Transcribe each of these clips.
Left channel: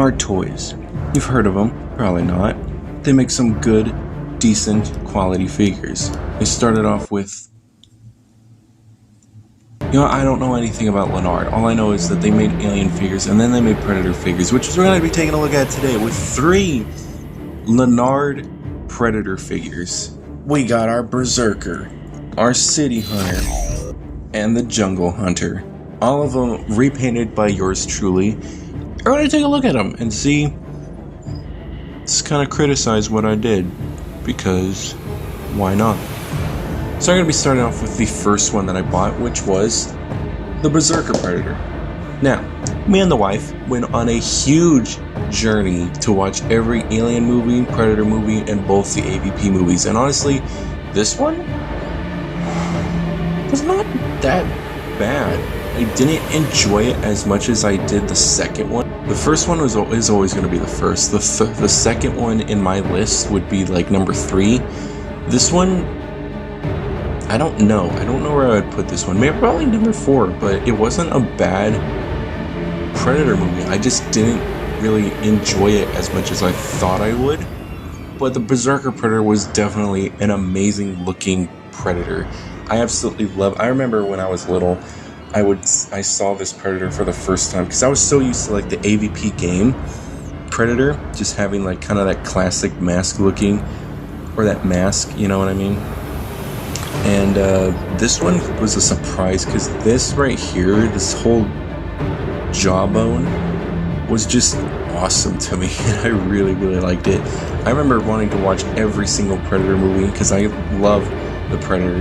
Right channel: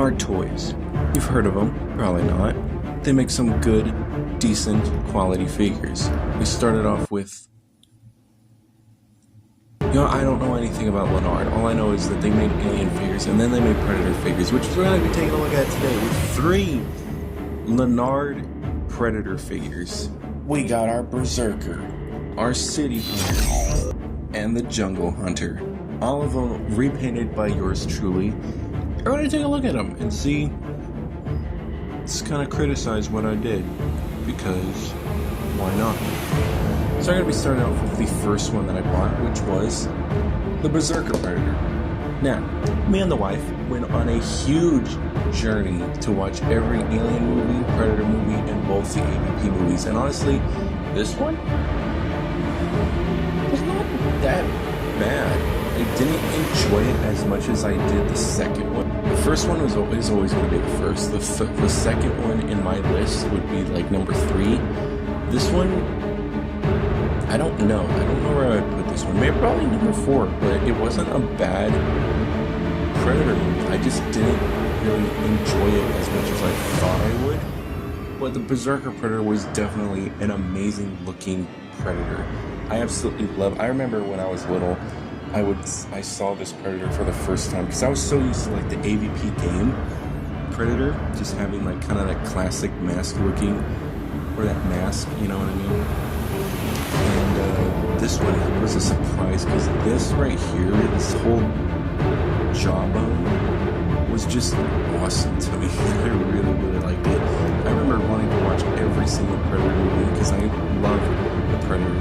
Lanard toys. You've heard of them, probably not. They make some good, decent quality figures. They started off with... I don't know anything about Lanard. All I know is that they made Alien figures and then they made Predator figures, which is what I'm going to be taking a look at today with 3 Lanard Predator figures. We got our Berserker, our City Hunter, and the Jungle Hunter. All of them repainted by yours truly. I'm going to take a look at them and see, just kind of criticize what I did, because why not? So I'm going to be starting off with the first one that I bought, which was the Berserker Predator. Now, me and the wife went on a huge journey to watch every Alien movie, Predator movie, and both the AVP movies. And honestly, this one was not that bad. I didn't enjoy it as much as I did the second one. The first one is always going to be the first. The second one in my list would be like number 3. This one, I don't know where I would put this one. Maybe probably number 4, but it wasn't a bad Predator movie. I just didn't really enjoy it as much as I thought I would. But the Berserker Predator was definitely an amazing looking Predator. I absolutely love. I remember when I was little, I saw this Predator for the first time because I was so used to like the AVP game Predator, just having like kind of that classic mask looking, or that mask, you know what I mean? And this one was a surprise because this right here, this whole jawbone, was just awesome to me, and I really, really liked it. I remember wanting to watch every single Predator movie because I love the Predator.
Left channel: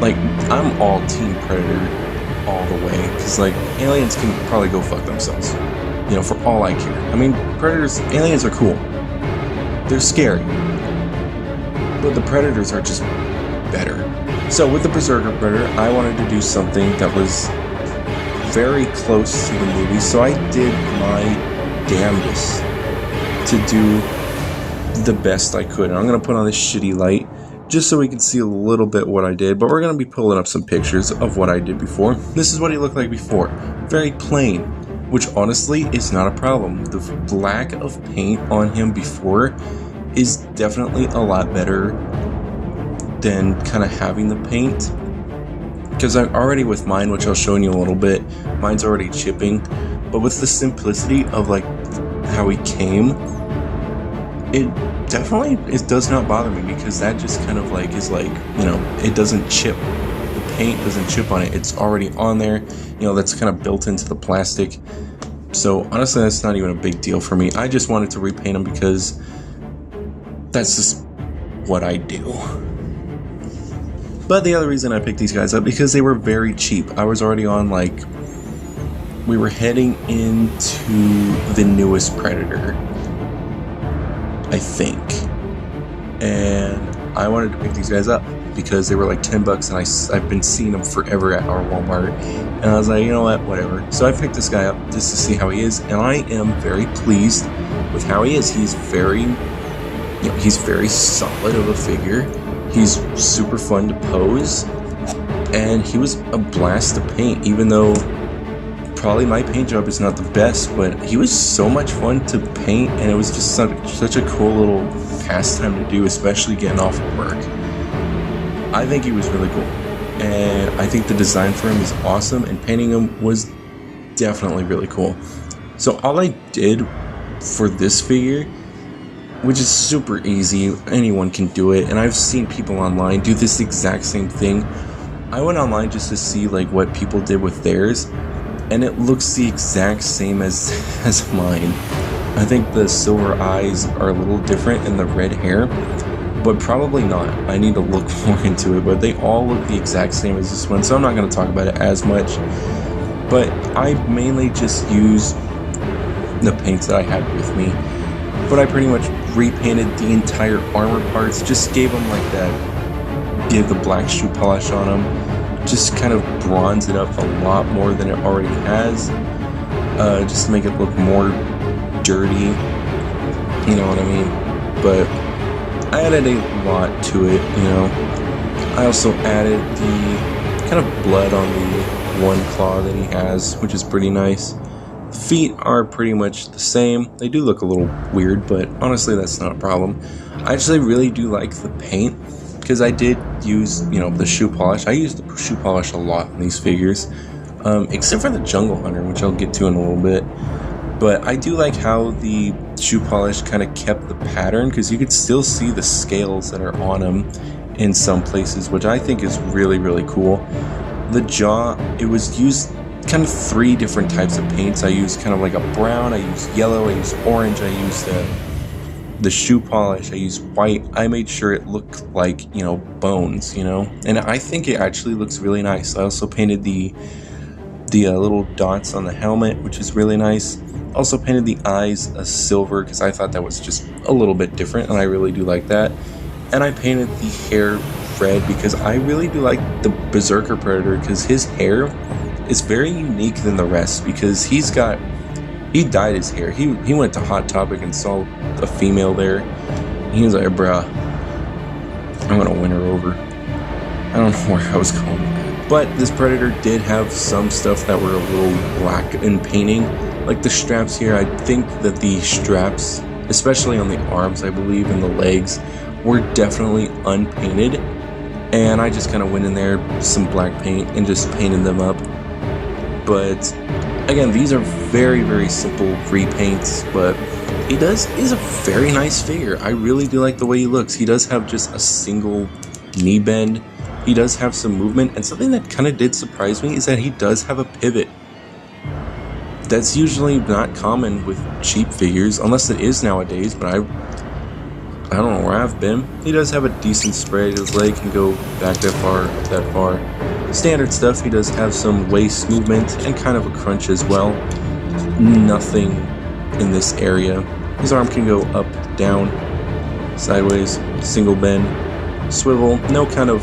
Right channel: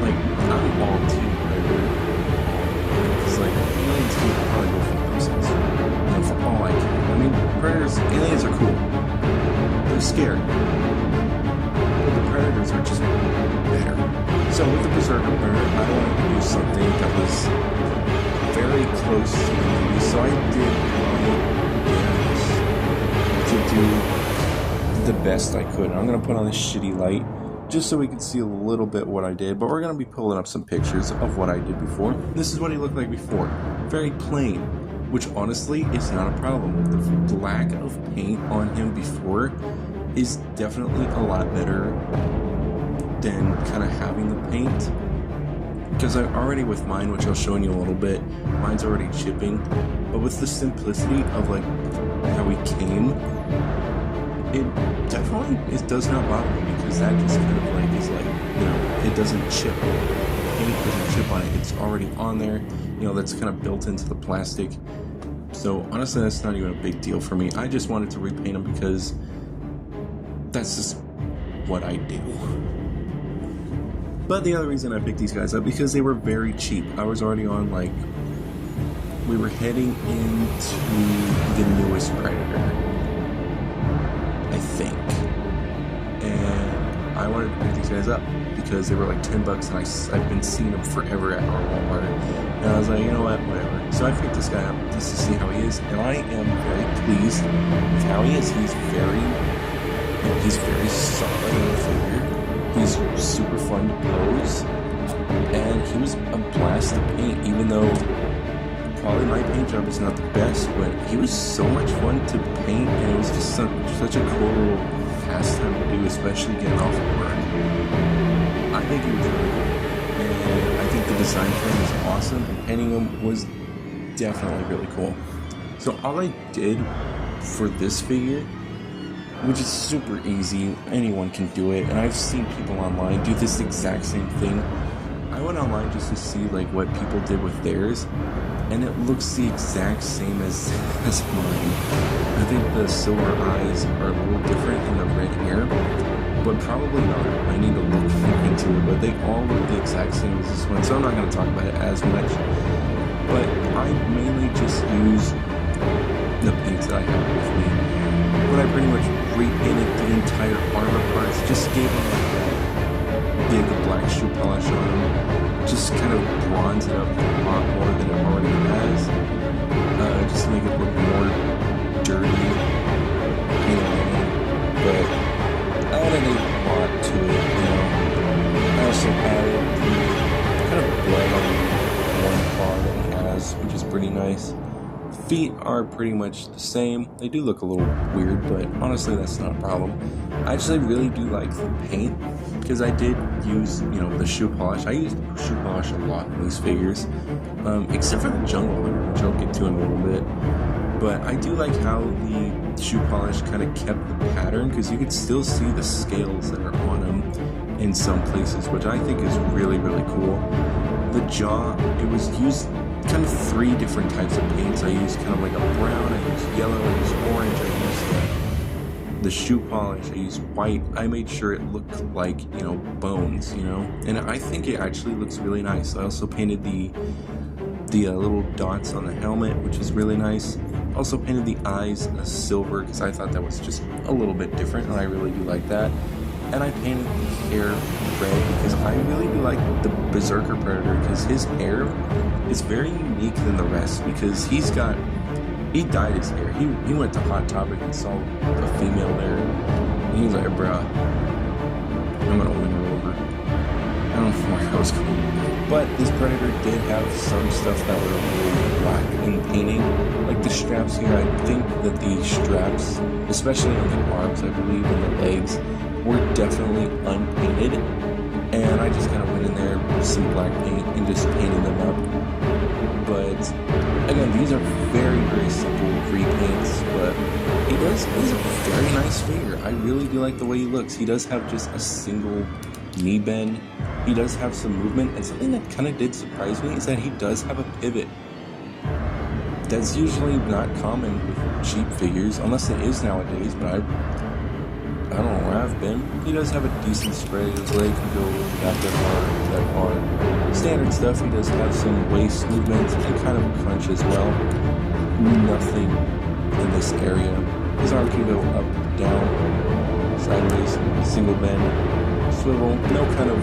Like, I'm all Team Predator all the way, because like aliens can probably go fuck themselves, for all I care. I mean, aliens are cool. They're scary, but the Predators are just better. So with the Berserker Predator, I wanted to do something that was very close to the movie, so I did my damnedest to do the best I could. And I'm going to put on this shitty light just so we can see a little bit what I did, but we're going to be pulling up some pictures of what I did before. This is what he looked like before. Very plain, which honestly is not a problem. The lack of paint on him before is definitely a lot better than kind of having the paint, because I'm already with mine, which I'll show you in a little bit, mine's already chipping, but with the simplicity of like how he came, it does not bother me, because that just kind of like is like, it doesn't chip. The paint doesn't chip on it. It's already on there, that's kind of built into the plastic. So honestly, that's not even a big deal for me. I just wanted to repaint them because that's just what I do. But the other reason I picked these guys up, because they were very cheap. I was already on, like, we were heading into the newest Predator, I think. And I wanted to pick these guys up because they were like $10, and I've been seeing them forever at our Walmart. And I was like, you know what, whatever. So I picked this guy up just to see how he is, and I am very pleased with how he is. He's very solid of a figure. He's super fun to pose, and he was a blast to paint, even though probably my paint job is not the best, but he was so much fun to paint, and it was just such a cool little pastime to do, especially getting off of work. I think he was really cool, and I think the design for him is awesome, and painting him was definitely really cool. So all I did for this figure, which is super easy, anyone can do it, and I've seen people online do this exact same thing. I went online just to see like what people did with theirs, and it looks the exact same as mine. I think the silver eyes are a little different and the red hair, but probably not. I need to look more into it, but they all look the exact same as this one, so I'm not going to talk about it as much. But I mainly just use the paints that I had with me. But I pretty much repainted the entire armor parts, just gave them like that, gave the black shoe polish on them, just kind of bronze it up a lot more than it already has, just to make it look more dirty, you know what I mean? But I added a lot to it, I also added the kind of blood on the one claw that he has, which is pretty nice. Feet are pretty much the same. They do look a little weird, but honestly that's not a problem. I actually really do like the paint, because I did use, the shoe polish. I use the shoe polish a lot in these figures, except for the Jungle Hunter, which I'll get to in a little bit. But I do like how the shoe polish kind of kept the pattern, because you could still see the scales that are on them in some places, which I think is really, really cool. The jaw, it was used kind of 3 different types of paints. I used kind of like a brown, I used yellow, I used orange, I used the shoe polish, I used white. I made sure it looked like, bones, and I think it actually looks really nice. I also painted the little dots on the helmet, which is really nice. Also painted the eyes a silver, because I thought that was just a little bit different, and I really do like that. And I painted the hair red, because I really do like the Berserker Predator, because his hair is very unique than the rest, because he dyed his hair. He went to Hot Topic and saw a female there, and he was like, bruh, I'm gonna win her over. I don't know where I was going. But this Predator did have some stuff that were a little black in painting, like the straps here. I think that the straps, especially on the arms, I believe, and the legs, were definitely unpainted, and I just kind of went in there with some black paint and just painted them up. But again, these are very, very simple repaints, but he's a very nice figure. I really do like the way he looks. He does have just a single knee bend. He does have some movement, and something that kind of did surprise me is that he does have a pivot. That's usually not common with cheap figures, unless it is nowadays, but I don't know where I've been. He does have a decent spread. His leg can go back that far. Standard stuff. He does have some waist movement and kind of a crunch as well. Nothing in this area. His arm can go up, down, sideways, single bend, swivel. No kind of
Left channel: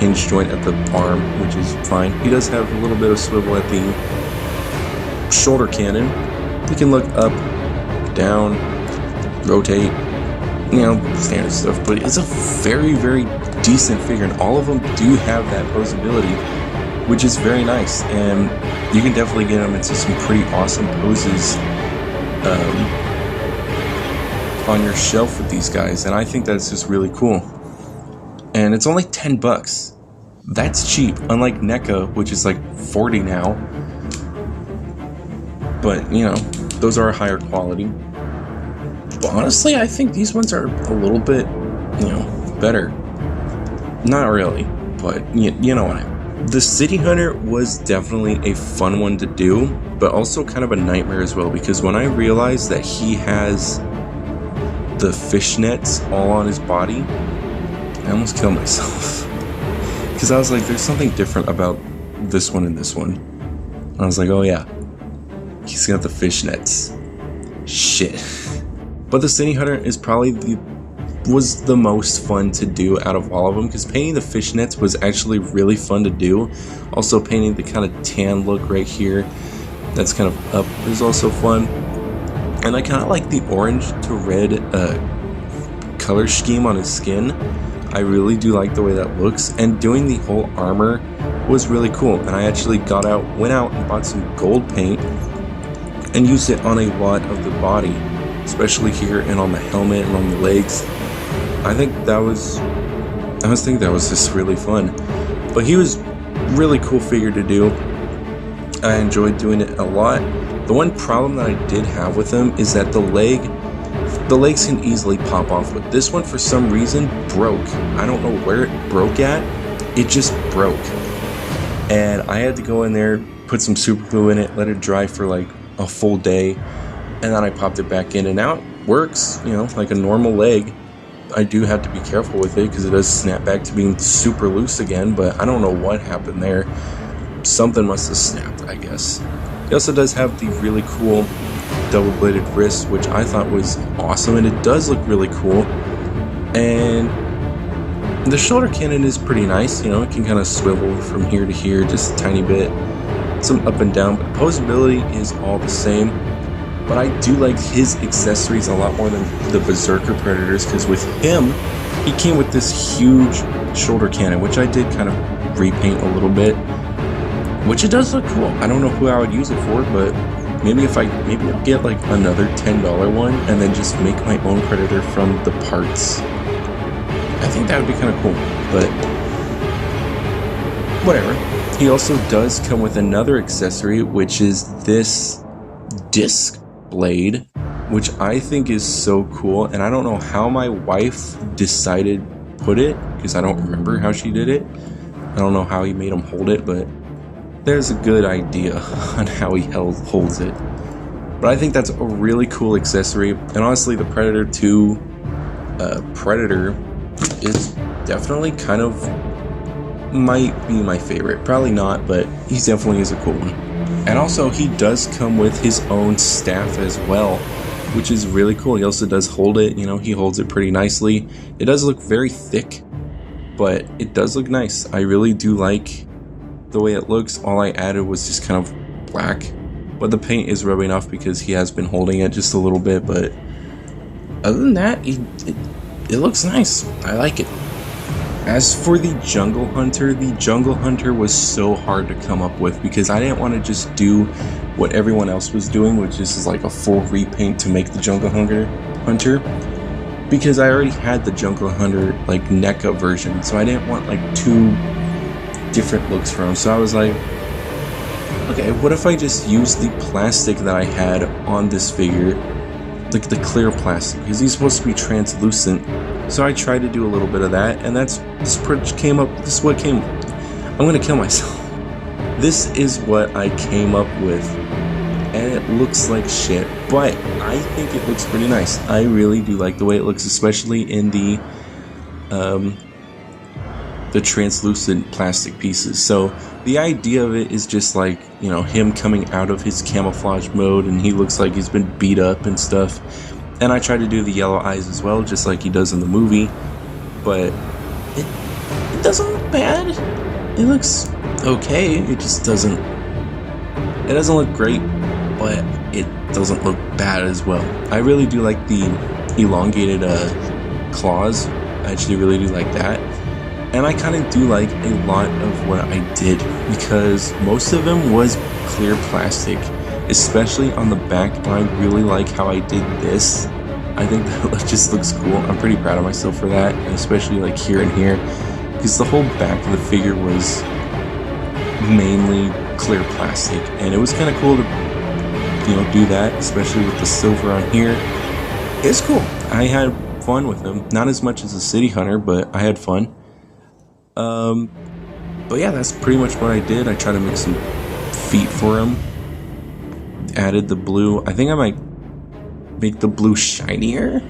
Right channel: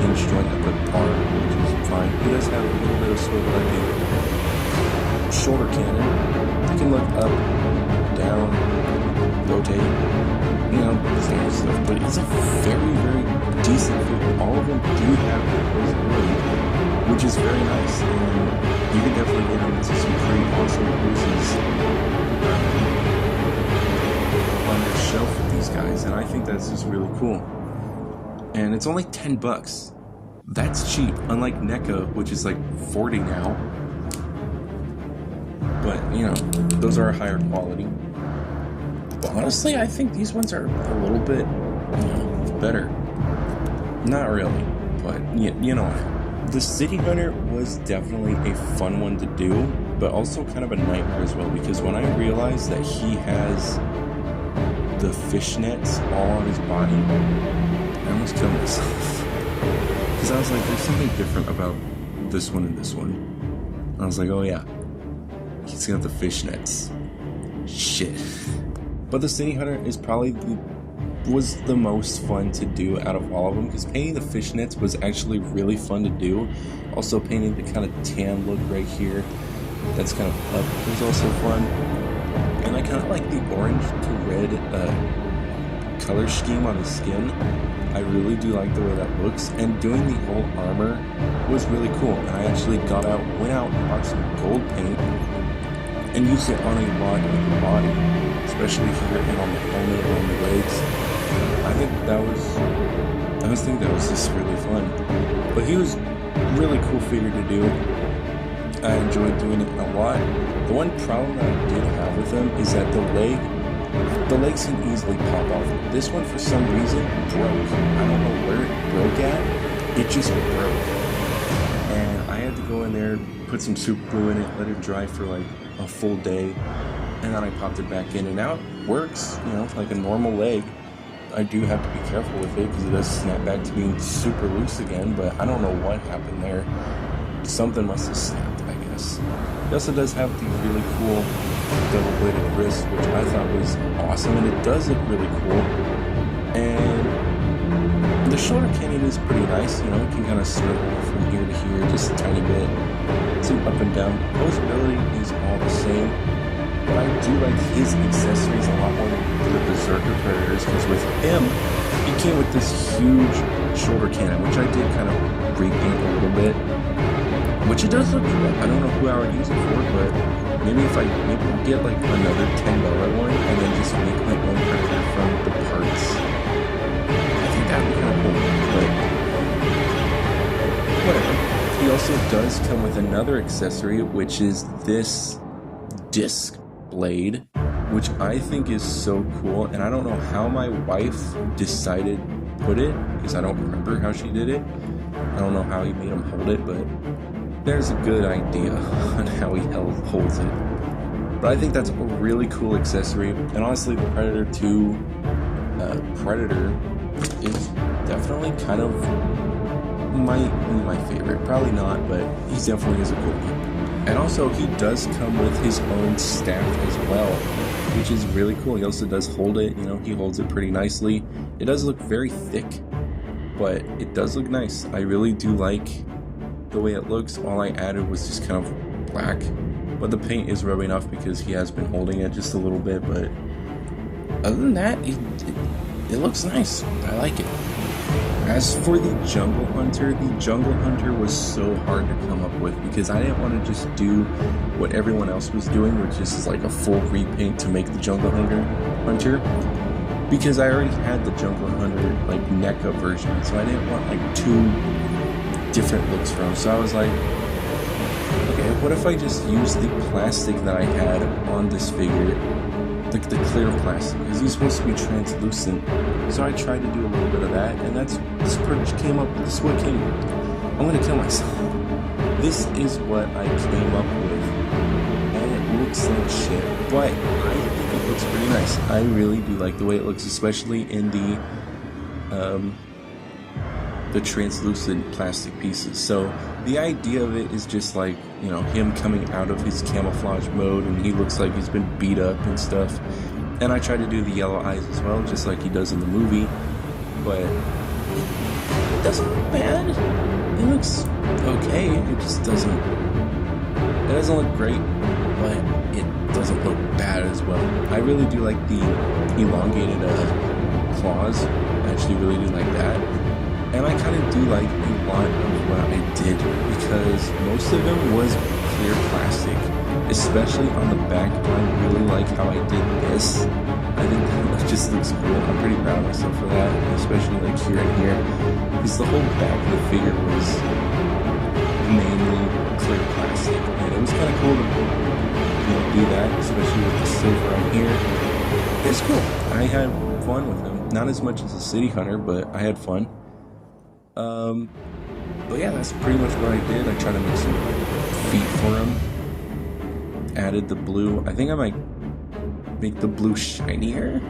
hinge joint at the arm, which is fine. He does have a little bit of swivel at the shoulder cannon. He can look up, down, rotate, standard stuff, but it's a very, very decent figure, and all of them do have that posability, which is very nice, and you can definitely get them into some pretty awesome poses on your shelf with these guys, and I think that's just really cool. And it's only $10. That's cheap, unlike NECA, which is like $40 now. But, those are higher quality. But honestly, I think these ones are a little bit, better. Not really, but you know what? The City Hunter was definitely a fun one to do, but also kind of a nightmare as well, because when I realized that he has the fishnets all on his body, I almost killed myself. Because I was like, there's something different about this one and this one. And I was like, oh yeah, he's got the fishnets. Shit. But the City Hunter is probably was the most fun to do out of all of them, because painting the fishnets was actually really fun to do. Also painting the kind of tan look right here, that's kind of up, was also fun. And I kind of like the orange to red color scheme on his skin. I really do like the way that looks, and doing the whole armor was really cool. And I actually went out and bought some gold paint and used it on a lot of the body, especially here and on the helmet and on the legs. I think that was just really fun. But he was really cool figure to do. I enjoyed doing it a lot. The one problem that I did have with him is that the legs can easily pop off, but this one for some reason broke. I don't know where it broke at. It just broke. And I had to go in there, put some super glue in it, let it dry for like a full day, and then I popped it back in, and now it works, like a normal leg. I do have to be careful with it because it does snap back to being super loose again, but I don't know what happened there. Something must have snapped, I guess. He also does have the really cool double-bladed wrist, which I thought was awesome, and it does look really cool. And the shoulder cannon is pretty nice, it can kind of swivel from here to here just a tiny bit. Some up and down, but posability is all the same. But I do like his accessories a lot more than the Berserker Predators, because with him, he came with this huge shoulder cannon, which I did kind of repaint a little bit, which it does look cool. I don't know who I would use it for, but maybe if I maybe get like another $10 one and then just make my own Predator from the parts. I think that would be kind of cool, but whatever. He also does come with another accessory, which is this disc blade, which I think is so cool, and I don't know how my wife decided to put it, because I don't remember how she did it. I don't know how he made him hold it, but there's a good idea on how he holds it. But I think that's a really cool accessory, and honestly the Predator 2 Predator is definitely kind of might be my favorite. Probably not, but he definitely is a cool one. And also he does come with his own staff as well, which is really cool. He also does hold it, you know, he holds it pretty nicely. It does look very thick, but it does look nice. I really do like the way it looks. All I added was just kind of black, but the paint is rubbing off because he has been holding it just a little bit, but other than that, it looks nice. I like it. As for the Jungle Hunter was so hard to come up with because I didn't want to just do what everyone else was doing, which is like a full repaint to make the Jungle Hunter, because I already had the Jungle Hunter like NECA version, so I didn't want like two different looks for him. So I was like, okay, what if I just use the plastic that I had on this figure, like the clear plastic, because he's supposed to be translucent. So I tried to do a little bit of that, and this is what came. I'm gonna kill myself. This is what I came up with, and it looks like shit, but I think it looks pretty nice. I really do like the way it looks, especially in the translucent plastic pieces. So the idea of it is just like, you know, him coming out of his camouflage mode, and he looks like he's been beat up and stuff. And I try to do the yellow eyes as well, just like he does in the movie, but it doesn't look bad. It looks okay. It just doesn't look great, but it doesn't look bad as well. I really do like the elongated claws. I actually really do like that. And I kind of do like a lot of what I did, because most of them was clear plastic, especially on the back. But I really like how I did this. I think that just looks cool. I'm pretty proud of myself for that, especially like here and here, because the whole back of the figure was mainly clear plastic, and it was kind of cool to, you know, do that, especially with the silver on here. It's cool. I had fun with them. Not as much as the City Hunter, but I had fun. But yeah, that's pretty much what I did. I tried to make some feet for him. Added the blue. I think I might make the blue shinier,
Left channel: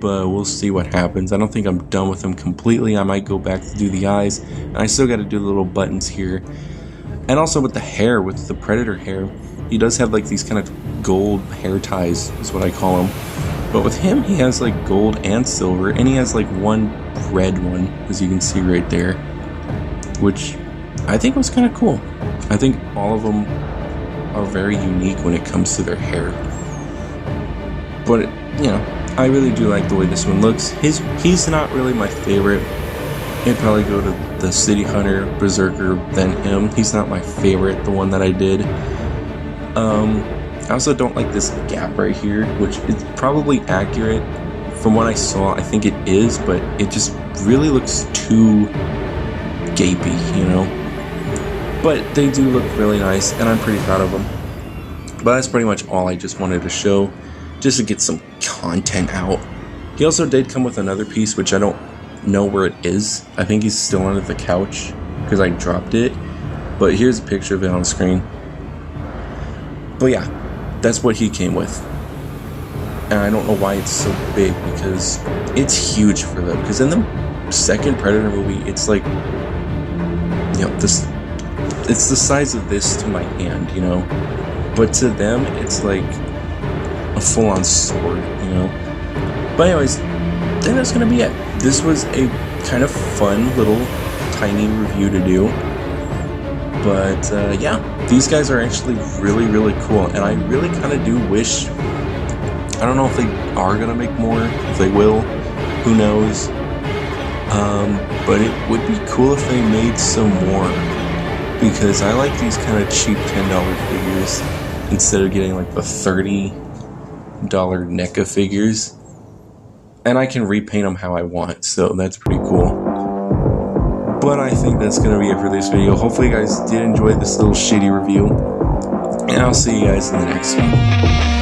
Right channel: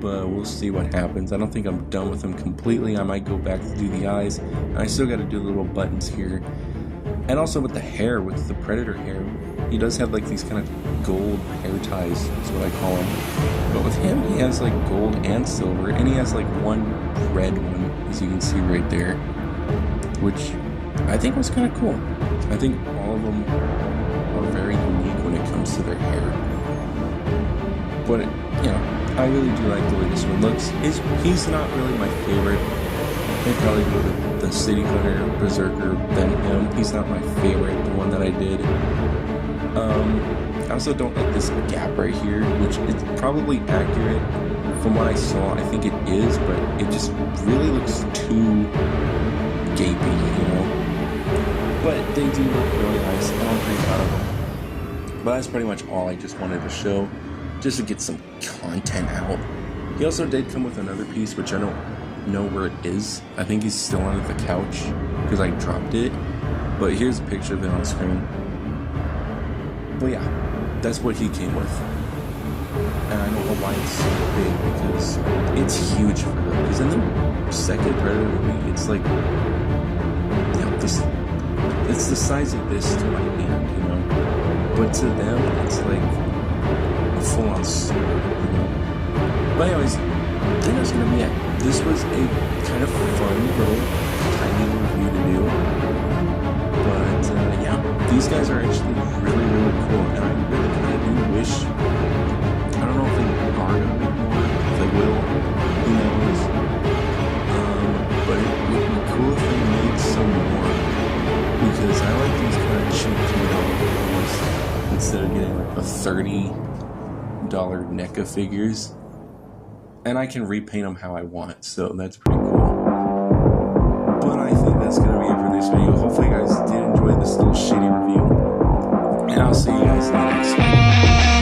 but we'll see what happens. I don't think I'm done with him completely. I might go back to do the eyes. And I still got to do the little buttons here. And also with the hair, with the Predator hair, he does have like these kind of gold hair ties, is what I call them. But with him, he has like gold and silver, and he has like one red one, as you can see right there, which I think was kind of cool. I think all of them are very unique when it comes to their hair. But, you know, I really do like the way this one looks. He's not really my favorite. I'd probably go to the City Hunter, Berserker, then him. He's not my favorite, the one that I did. I also don't like this gap right here, which is probably accurate. From what I saw, I think it is, but it just really looks too gapey, you know? But they do look really nice, and I'm pretty proud of them. But that's pretty much all I just wanted to show, just to get some content out. He also did come with another piece, which I don't know where it is. I think he's still under the couch, because I dropped it. But here's a picture of it on screen. But yeah, that's what he came with. And I don't know why it's so big, because it's huge for them. Because in the second Predator movie, it's like, you know, it's the size of this to my hand, you know. But to them, it's like a full-on sword, you know. But anyways, I think that's gonna be it. This was a kind of fun little tiny review to do. But yeah, these guys are actually really, really cool, and I really kind of do wish, I don't know if they are going to make more, if they will, who knows, but it would be cool if they made some more, because I like these kind of cheap $10 figures, instead of getting like the $30 NECA figures. And I can repaint them how I want, so that's pretty cool. But I think that's going to be it for this video. Hopefully you guys did enjoy this little shitty review. And I'll see you guys in the next one.